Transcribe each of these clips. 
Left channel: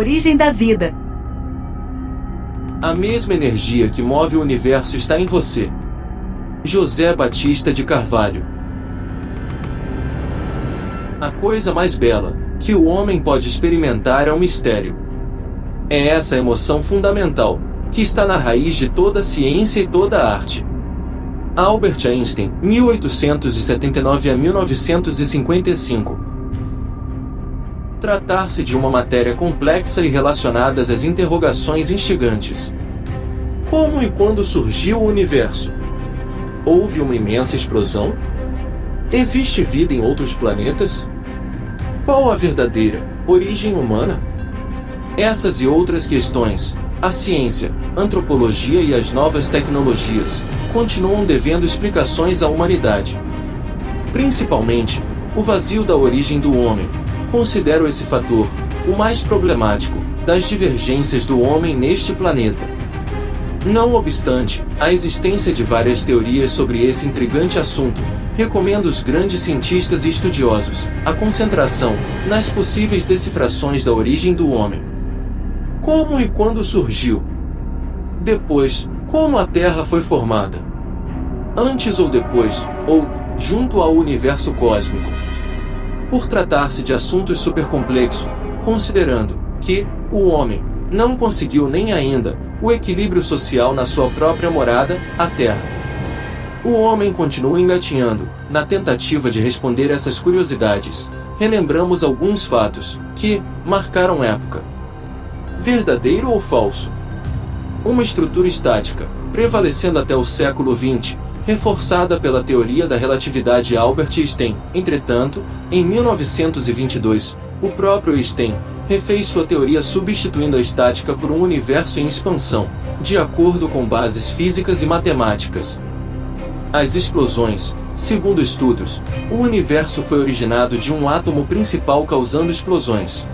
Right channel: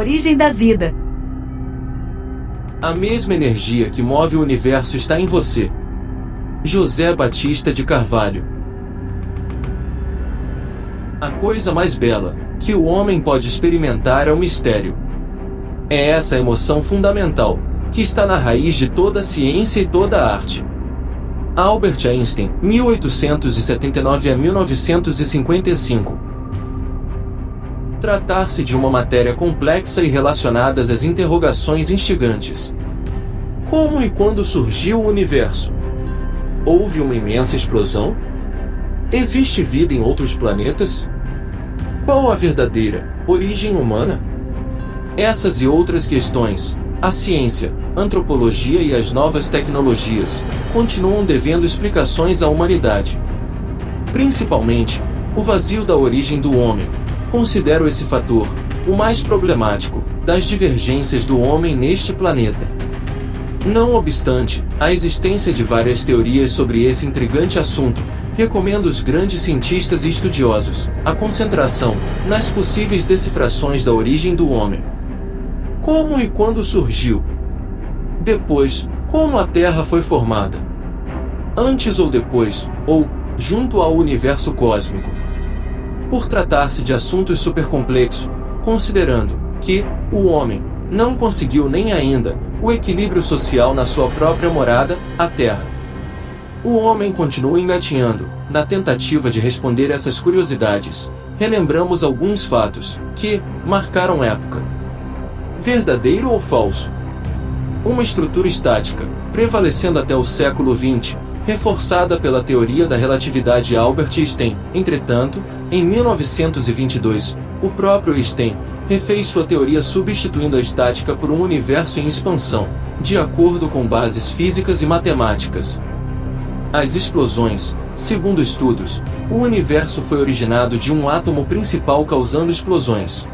Origem da vida. A mesma energia que move o universo está em você. José Batista de Carvalho. A coisa mais bela que o homem pode experimentar é o mistério. É essa emoção fundamental que está na raiz de toda a ciência e toda a arte. Albert Einstein, 1879 a 1955. Tratar-se de uma matéria complexa e relacionadas às interrogações instigantes. Como e quando surgiu o universo? Houve uma imensa explosão? Existe vida em outros planetas? Qual a verdadeira origem humana? Essas e outras questões, a ciência, a antropologia e as novas tecnologias continuam devendo explicações à humanidade. Principalmente, o vazio da origem do homem. Considero esse fator o mais problemático das divergências do homem neste planeta. Não obstante a existência de várias teorias sobre esse intrigante assunto, recomendo aos grandes cientistas e estudiosos a concentração nas possíveis decifrações da origem do homem. Como e quando surgiu? Depois, como a Terra foi formada? Antes ou depois, ou junto ao universo cósmico? Por tratar-se de assuntos supercomplexos, considerando que o homem não conseguiu nem ainda o equilíbrio social na sua própria morada, a Terra. O homem continua engatinhando na tentativa de responder essas curiosidades. Relembramos alguns fatos que marcaram época. Verdadeiro ou falso? Uma estrutura estática, prevalecendo até o século XX, reforçada pela teoria da relatividade Albert Einstein. Entretanto, em 1922, o próprio Einstein refez sua teoria substituindo a estática por um universo em expansão, de acordo com bases físicas e matemáticas. As explosões. Segundo estudos, o universo foi originado de um átomo principal causando explosões.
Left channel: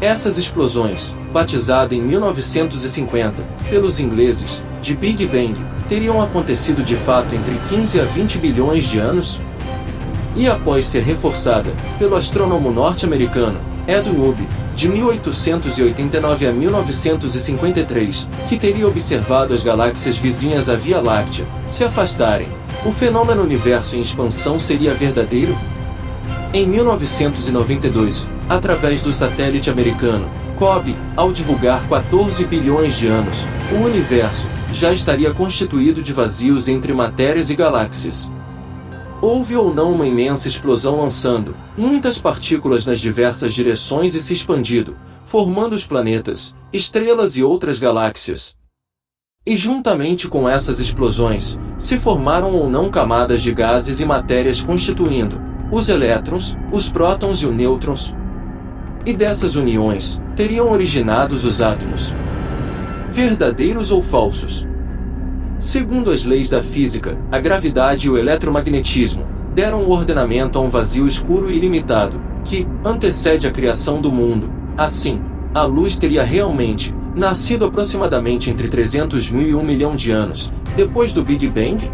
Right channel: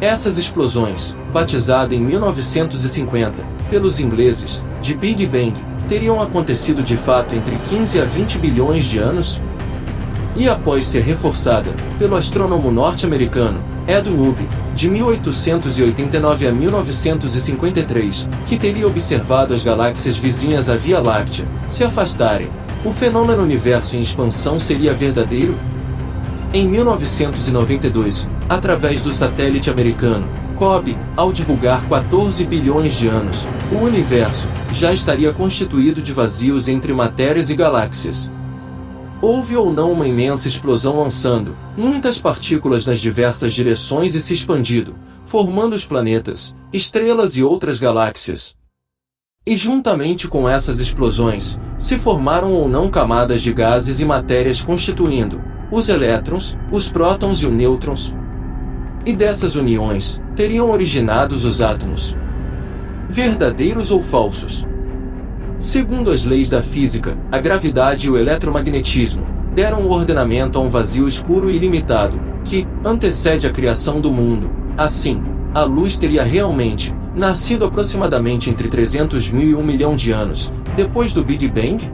Essas explosões, batizada em 1950, pelos ingleses, de Big Bang, teriam acontecido de fato entre 15 a 20 bilhões de anos? E após ser reforçada pelo astrônomo norte-americano Edwin Hubble, de 1889 a 1953, que teria observado as galáxias vizinhas à Via Láctea se afastarem, o fenômeno universo em expansão seria verdadeiro? Em 1992, através do satélite americano COBE, ao divulgar 14 bilhões de anos, o universo já estaria constituído de vazios entre matérias e galáxias. Houve ou não uma imensa explosão lançando muitas partículas nas diversas direções e se expandindo, formando os planetas, estrelas e outras galáxias? E juntamente com essas explosões, se formaram ou não camadas de gases e matérias constituindo os elétrons, os prótons e os nêutrons? E dessas uniões, teriam originados os átomos? Verdadeiros ou falsos? Segundo as leis da física, a gravidade e o eletromagnetismo deram o ordenamento a um vazio escuro e ilimitado, que antecede a criação do mundo. Assim, a luz teria realmente nascido aproximadamente entre 300 mil e 1 milhão de anos, depois do Big Bang?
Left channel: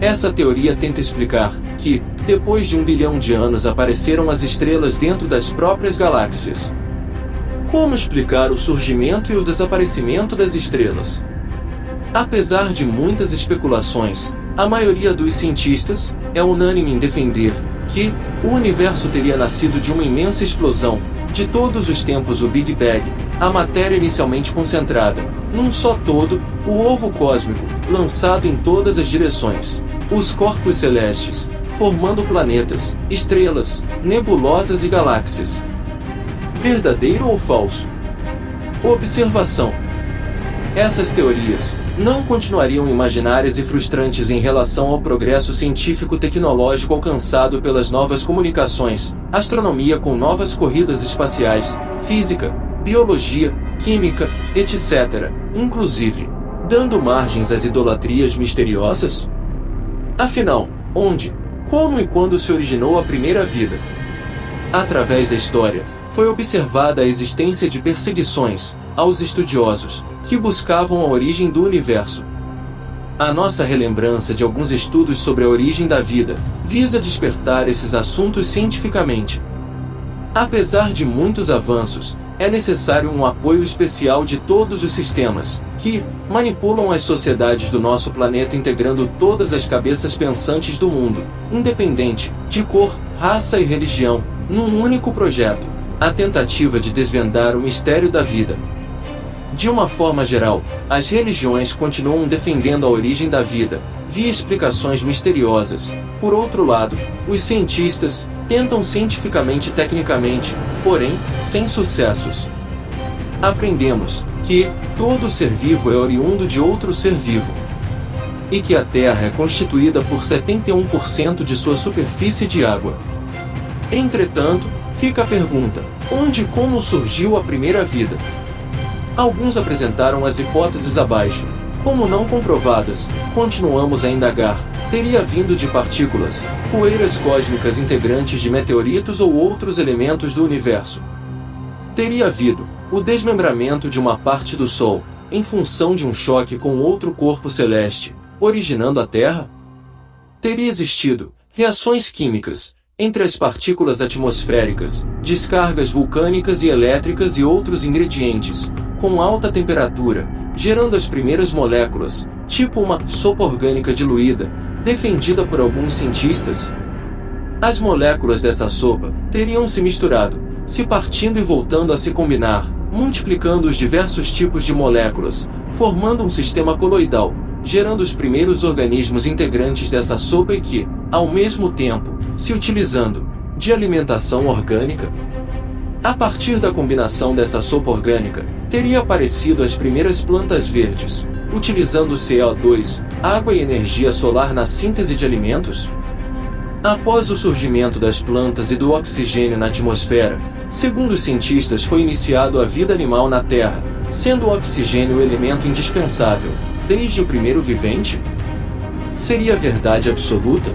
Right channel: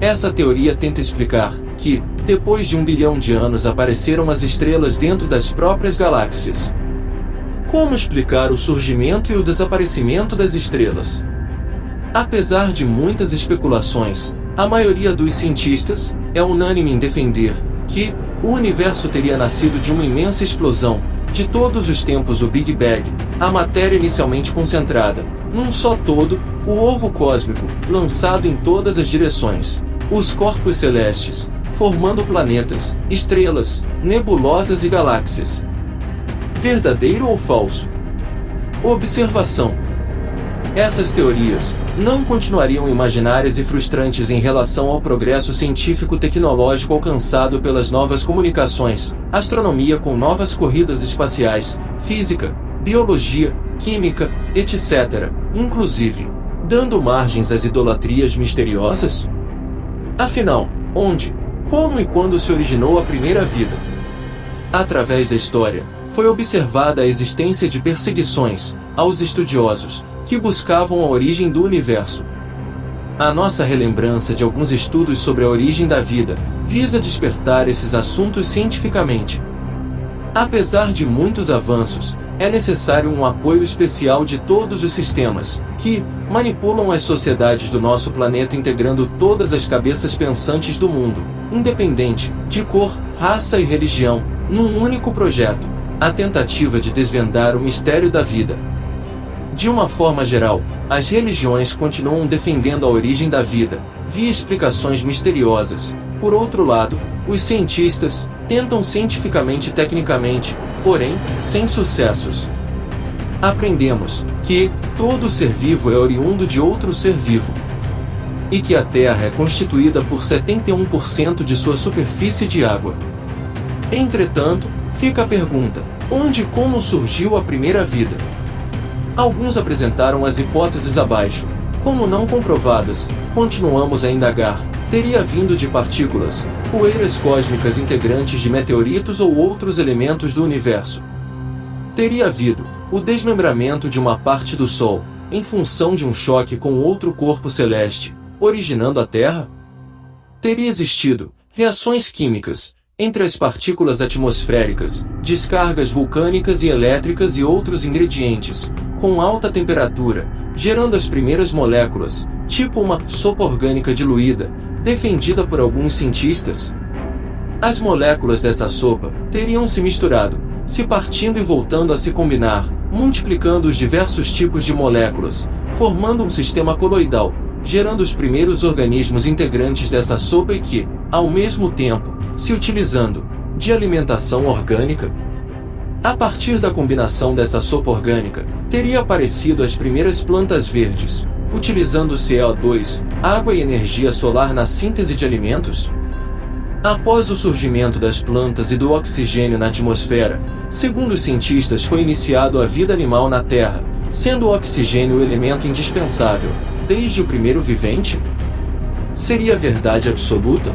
Essa teoria tenta explicar que, depois de 1 bilhão de anos apareceram as estrelas dentro das próprias galáxias. Como explicar o surgimento e o desaparecimento das estrelas? Apesar de muitas especulações, a maioria dos cientistas é unânime em defender que o universo teria nascido de uma imensa explosão, de todos os tempos o Big Bang, a matéria inicialmente concentrada, num só todo, o ovo cósmico, lançado em todas as direções, os corpos celestes, formando planetas, estrelas, nebulosas e galáxias. Verdadeiro ou falso? Observação. Essas teorias não continuariam imaginárias e frustrantes em relação ao progresso científico-tecnológico alcançado pelas novas comunicações, astronomia com novas corridas espaciais, física, biologia, química, etc., inclusive, dando margens às idolatrias misteriosas? Afinal, onde, como e quando se originou a primeira vida? Através da história, foi observada a existência de perseguições aos estudiosos que buscavam a origem do universo. A nossa relembrança de alguns estudos sobre a origem da vida visa despertar esses assuntos cientificamente. Apesar de muitos avanços é necessário um apoio especial de todos os sistemas, que manipulam as sociedades do nosso planeta, integrando todas as cabeças pensantes do mundo, independente de cor, raça e religião, num único projeto, a tentativa de desvendar o mistério da vida. De uma forma geral, as religiões continuam defendendo a origem da vida, via explicações misteriosas. Por outro lado, os cientistas tentam cientificamente e tecnicamente, porém, sem sucessos. Aprendemos que todo ser vivo é oriundo de outro ser vivo, e que a Terra é constituída por 71% de sua superfície de água. Entretanto, fica a pergunta: onde e como surgiu a primeira vida? Alguns apresentaram as hipóteses abaixo. Como não comprovadas, continuamos a indagar. Teria vindo de partículas, poeiras cósmicas integrantes de meteoritos ou outros elementos do universo. Teria havido o desmembramento de uma parte do Sol, em função de um choque com outro corpo celeste, originando a Terra? Teria existido reações químicas entre as partículas atmosféricas, descargas vulcânicas e elétricas e outros ingredientes, com alta temperatura, gerando as primeiras moléculas, tipo uma sopa orgânica diluída, defendida por alguns cientistas? As moléculas dessa sopa teriam se misturado, se partindo e voltando a se combinar, multiplicando os diversos tipos de moléculas, formando um sistema coloidal, gerando os primeiros organismos integrantes dessa sopa e que, ao mesmo tempo, se utilizando de alimentação orgânica. A partir da combinação dessa sopa orgânica, teria aparecido as primeiras plantas verdes, utilizando CO2, água e energia solar na síntese de alimentos? Após o surgimento das plantas e do oxigênio na atmosfera, segundo os cientistas, foi iniciado a vida animal na Terra, sendo o oxigênio o elemento indispensável, desde o primeiro vivente? Seria verdade absoluta?